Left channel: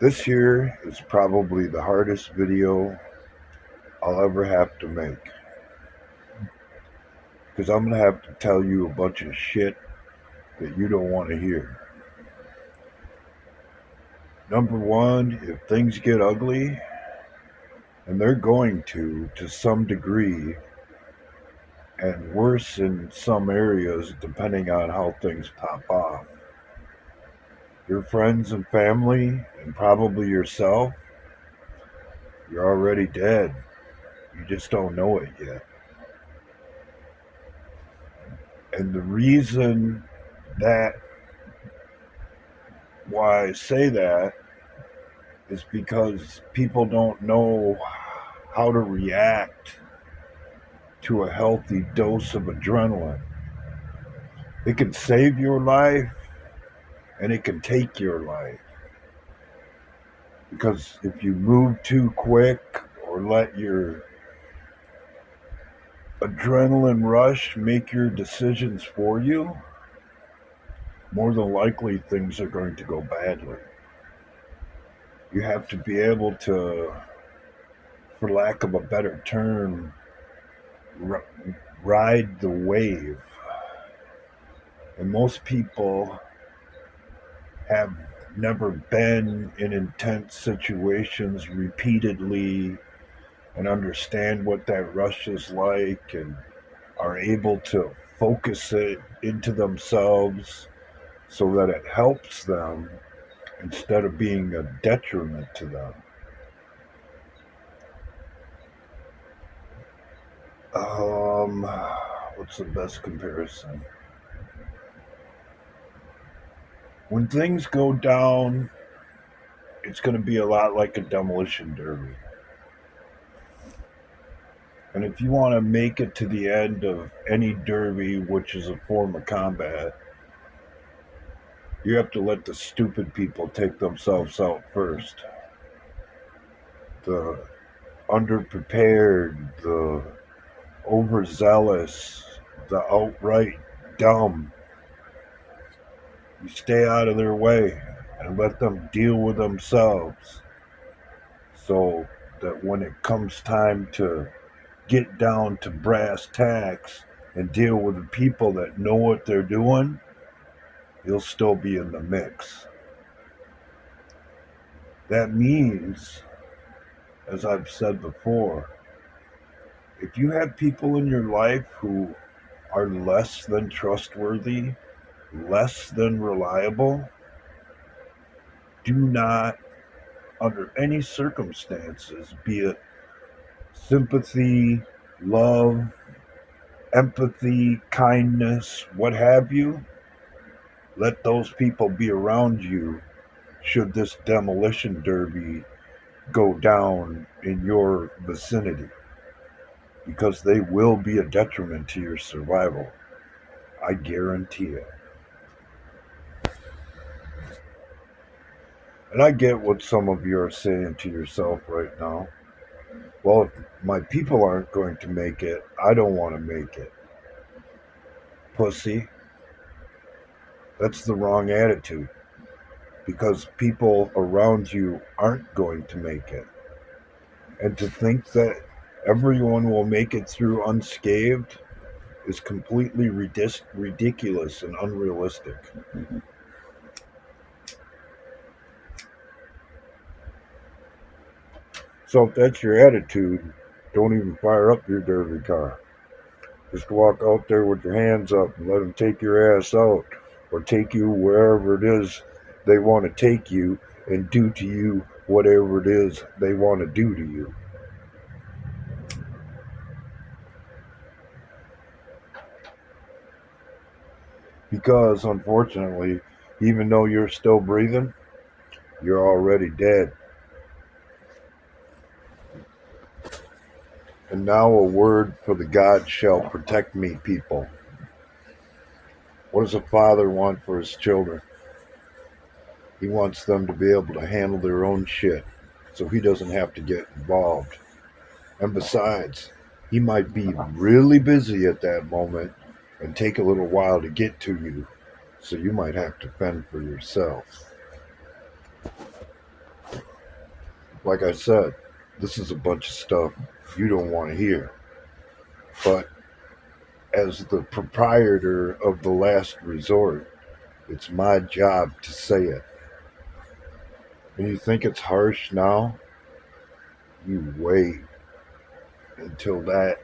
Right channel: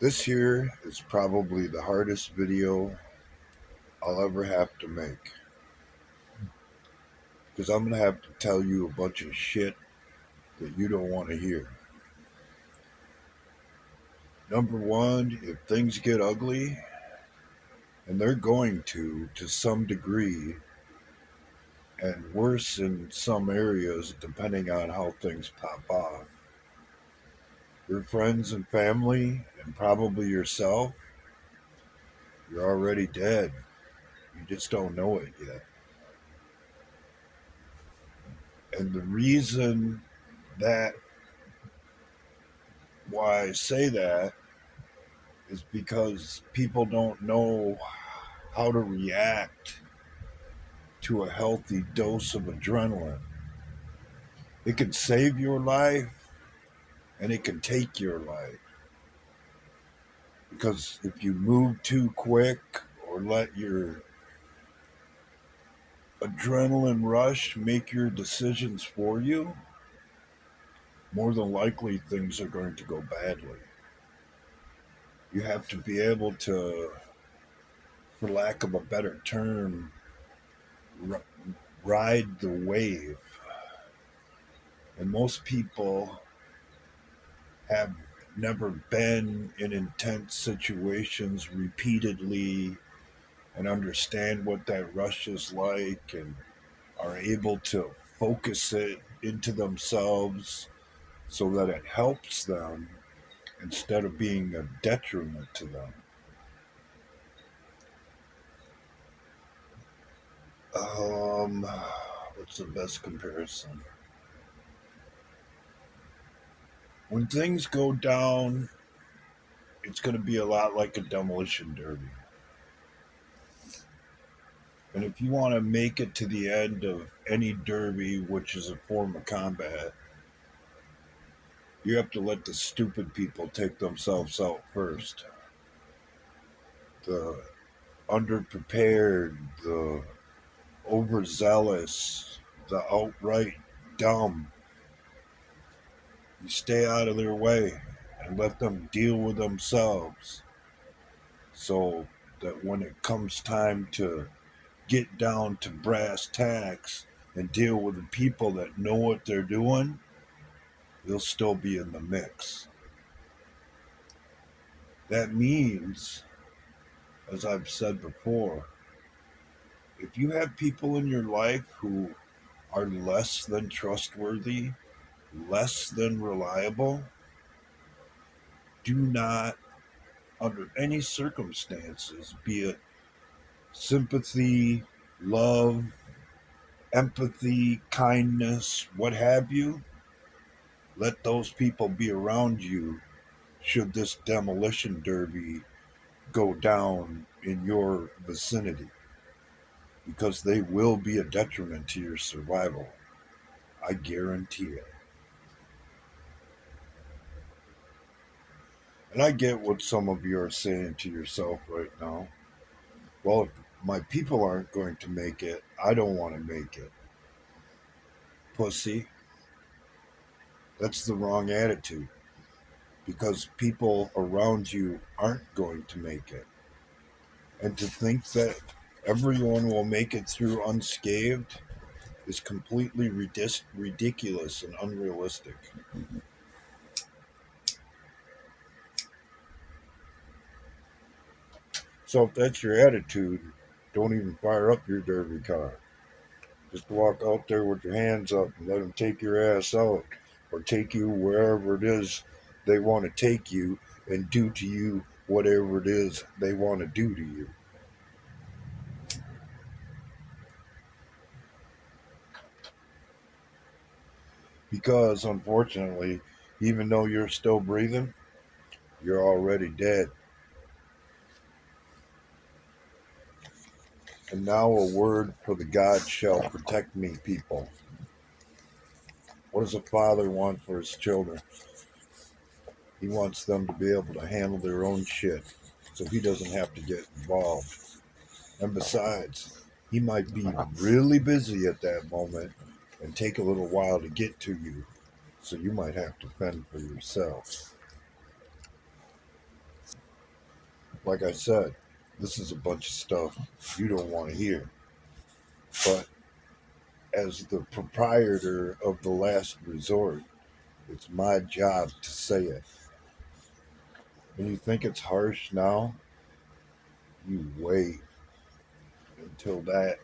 This here is probably the hardest video I'll ever have to make because I'm going to have to tell you a bunch of shit that you don't want to hear. Number one, if things get ugly, and they're going to some degree, and worse in some areas depending on how things pop off, your friends and family, and probably yourself, you're already dead. You just don't know it yet. And the reason that why I say that is because people don't know how to react to a healthy dose of adrenaline. It can save your life and it can take your life. Because if you move too quick or let your adrenaline rush make your decisions for you, more than likely things are going to go badly. You have to be able to, for lack of a better term, r- ride the wave. And most people have never been in intense situations repeatedly and understand what that rush is like and are able to focus it into themselves so that it helps them instead of being a detriment to them. Um, what's the best comparison? When things go down, it's going to be a lot like a demolition derby. And if you want to make it to the end of any derby, which is a form of combat, you have to let the stupid people take themselves out first. The underprepared, the overzealous, the outright dumb. You stay out of their way and let them deal with themselves so that when it comes time to get down to brass tacks and deal with the people that know what they're doing, you'll still be in the mix. That means, as I've said before, if you have people in your life who are less than trustworthy, less than reliable, do not, under any circumstances, be it sympathy, love, empathy, kindness, what have you, let those people be around you should this demolition derby go down in your vicinity because they will be a detriment to your survival. I guarantee it. And I get what some of you are saying to yourself right now. Well, if my people aren't going to make it, I don't want to make it. Pussy, that's the wrong attitude because people around you aren't going to make it. And to think that everyone will make it through unscathed is completely ridiculous and unrealistic. So if that's your attitude, don't even fire up your derby car. Just walk out there with your hands up and let them take your ass out or take you wherever it is they want to take you and do to you whatever it is they want to do to you. Because unfortunately, even though you're still breathing, you're already dead. And now a word for the God shall protect me people. What does a father want for his children? He wants them to be able to handle their own shit so he doesn't have to get involved. And besides, he might be really busy at that moment and take a little while to get to you, so you might have to fend for yourself. Like I said, this is a bunch of stuff you don't want to hear. But as the proprietor of the last resort, it's my job to say it. And you think it's harsh now? You wait until that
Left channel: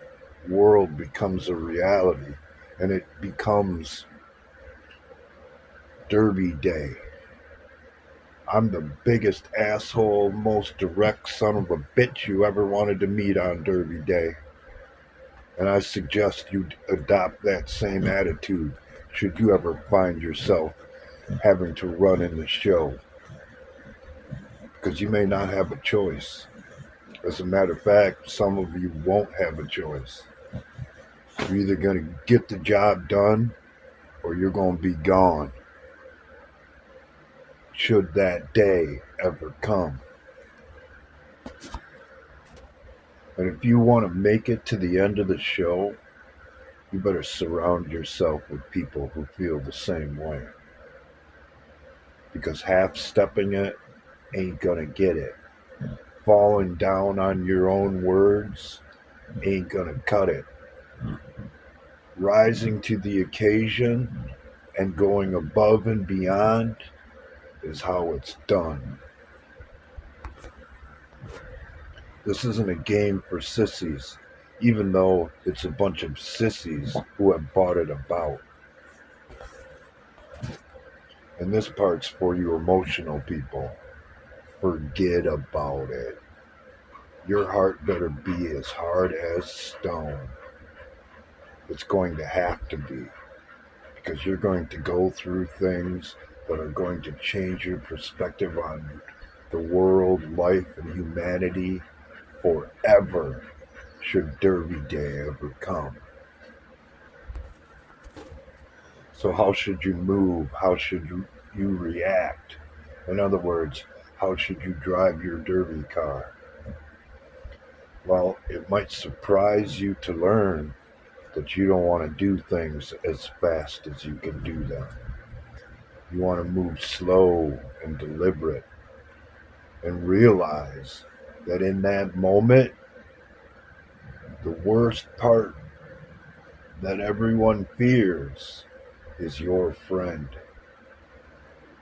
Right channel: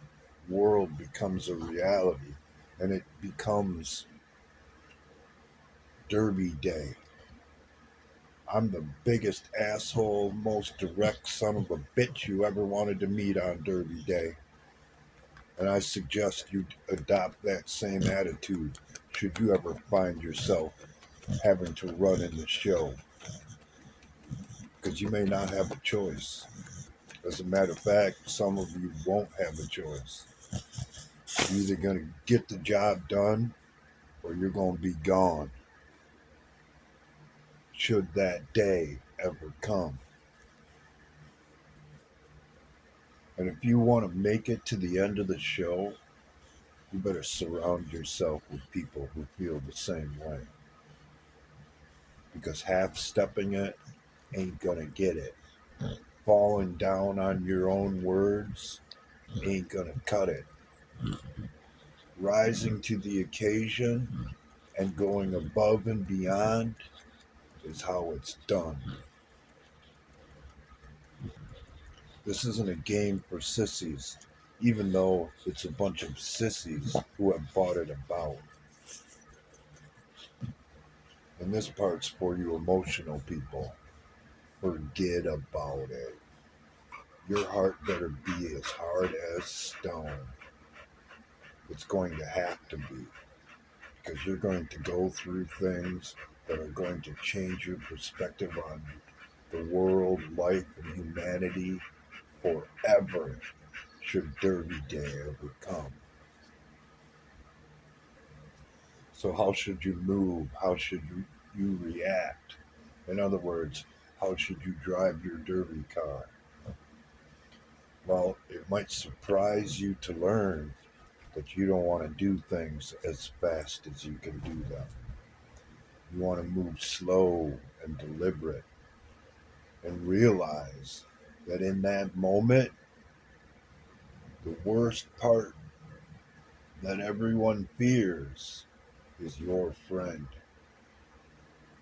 world becomes a reality and it becomes Derby Day. I'm the biggest asshole, most direct son of a bitch you ever wanted to meet on Derby Day. And I suggest you adopt that same attitude should you ever find yourself having to run in the show. Because you may not have a choice. As a matter of fact, some of you won't have a choice. You're either going to get the job done or you're going to be gone should that day ever come. And if you want to make it to the end of the show, you better surround yourself with people who feel the same way. Because half stepping it ain't gonna get it. Falling down on your own words ain't gonna cut it. Rising to the occasion and going above and beyond is how it's done. This isn't a game for sissies, even though it's a bunch of sissies who have bought it about. And this part's for you emotional people. Forget about it. Your heart better be as hard as stone. It's going to have to be because you're going to go through things that are going to change your perspective on the world, life, and humanity forever should Derby Day ever come. So, how should you move? How should you react? In other words, how should you drive your Derby car? Well, it might surprise you to learn that you don't want to do things as fast as you can do them. You want to move slow and deliberate and realize that in that moment, the worst part that everyone fears is your friend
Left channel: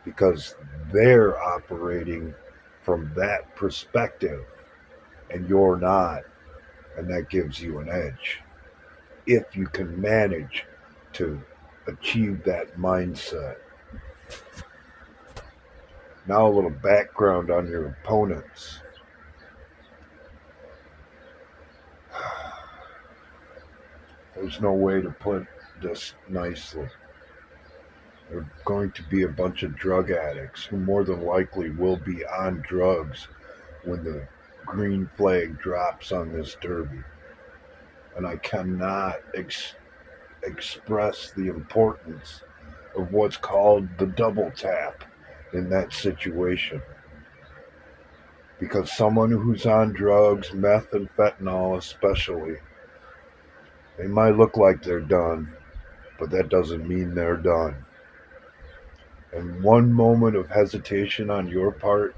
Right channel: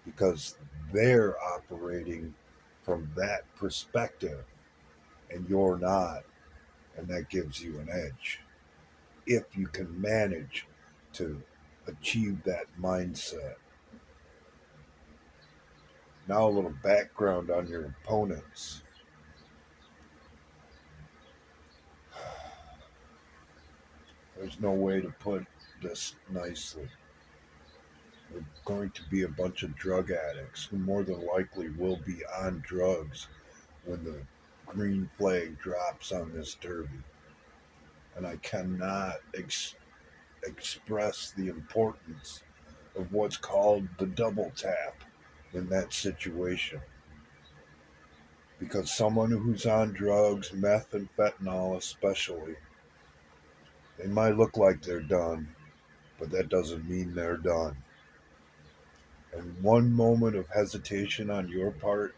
because they're operating from that perspective and you're not, and that gives you an edge if you can manage to achieve that mindset. Now, a little background on your opponents. There's no way to put this nicely. They're going to be a bunch of drug addicts who more than likely will be on drugs when the green flag drops on this derby. And I cannot express the importance of what's called the double tap in that situation. Because someone who's on drugs, meth and fentanyl especially, they might look like they're done, but that doesn't mean they're done. And one moment of hesitation on your part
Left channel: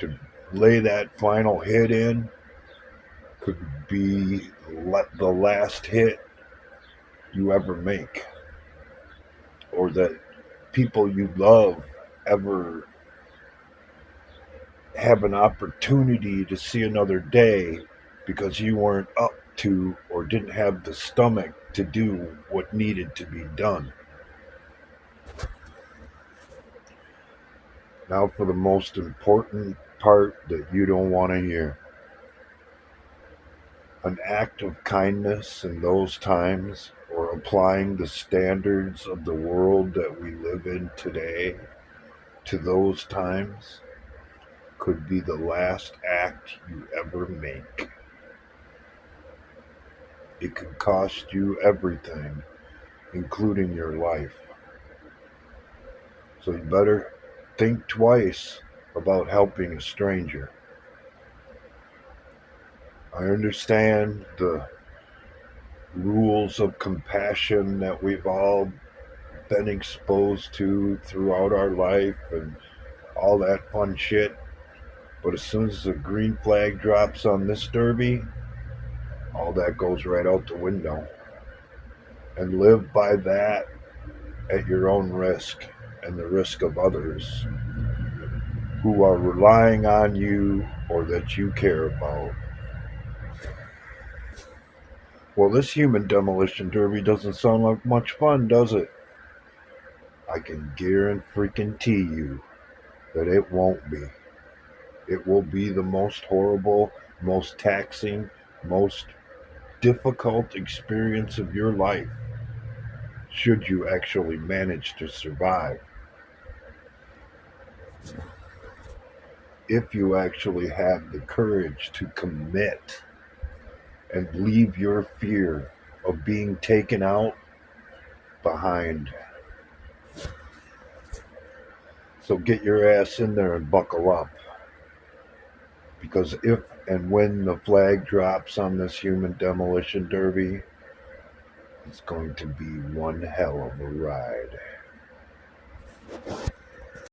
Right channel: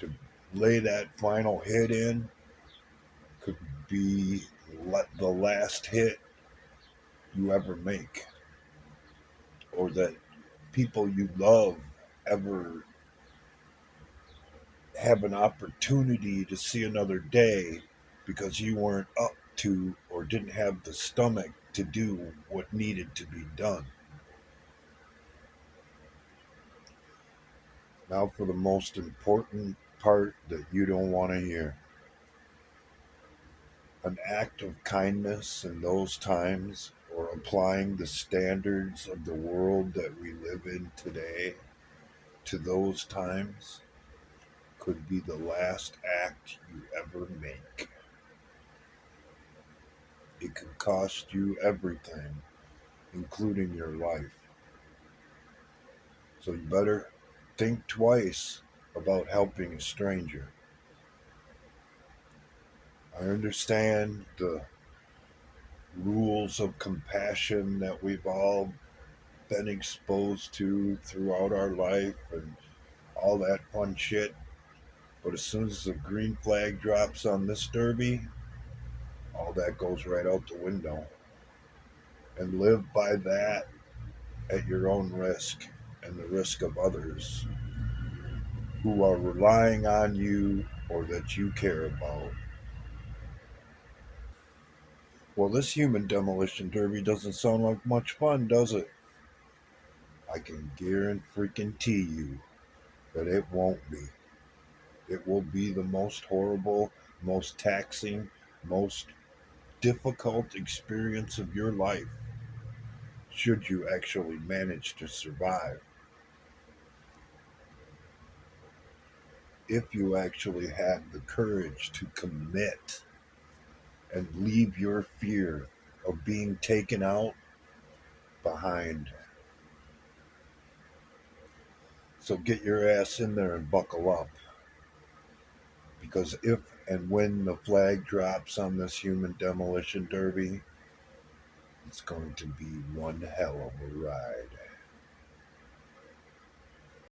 to lay that final hit in could be the last hit you ever make, or that people you love ever have an opportunity to see another day because you weren't up to or didn't have the stomach to do what needed to be done. Now, for the most important part that you don't want to hear. An act of kindness in those times, or applying the standards of the world that we live in today to those times, could be the last act you ever make. It could cost you everything, including your life. So you better think twice about helping a stranger. I understand the rules of compassion that we've all been exposed to throughout our life and all that fun shit. But as soon as the green flag drops on this derby, all that goes right out the window. And live by that at your own risk and the risk of others who are relying on you or that you care about. Well, this human demolition derby doesn't sound like much fun, does it? I can guarantee you that it won't be. It will be the most horrible, most taxing, most difficult experience of your life should you actually manage to survive. If you actually have the courage to commit and leave your fear of being taken out behind. So get your ass in there and buckle up. Because if and when the flag drops on this human demolition derby, it's going to be one hell of a ride.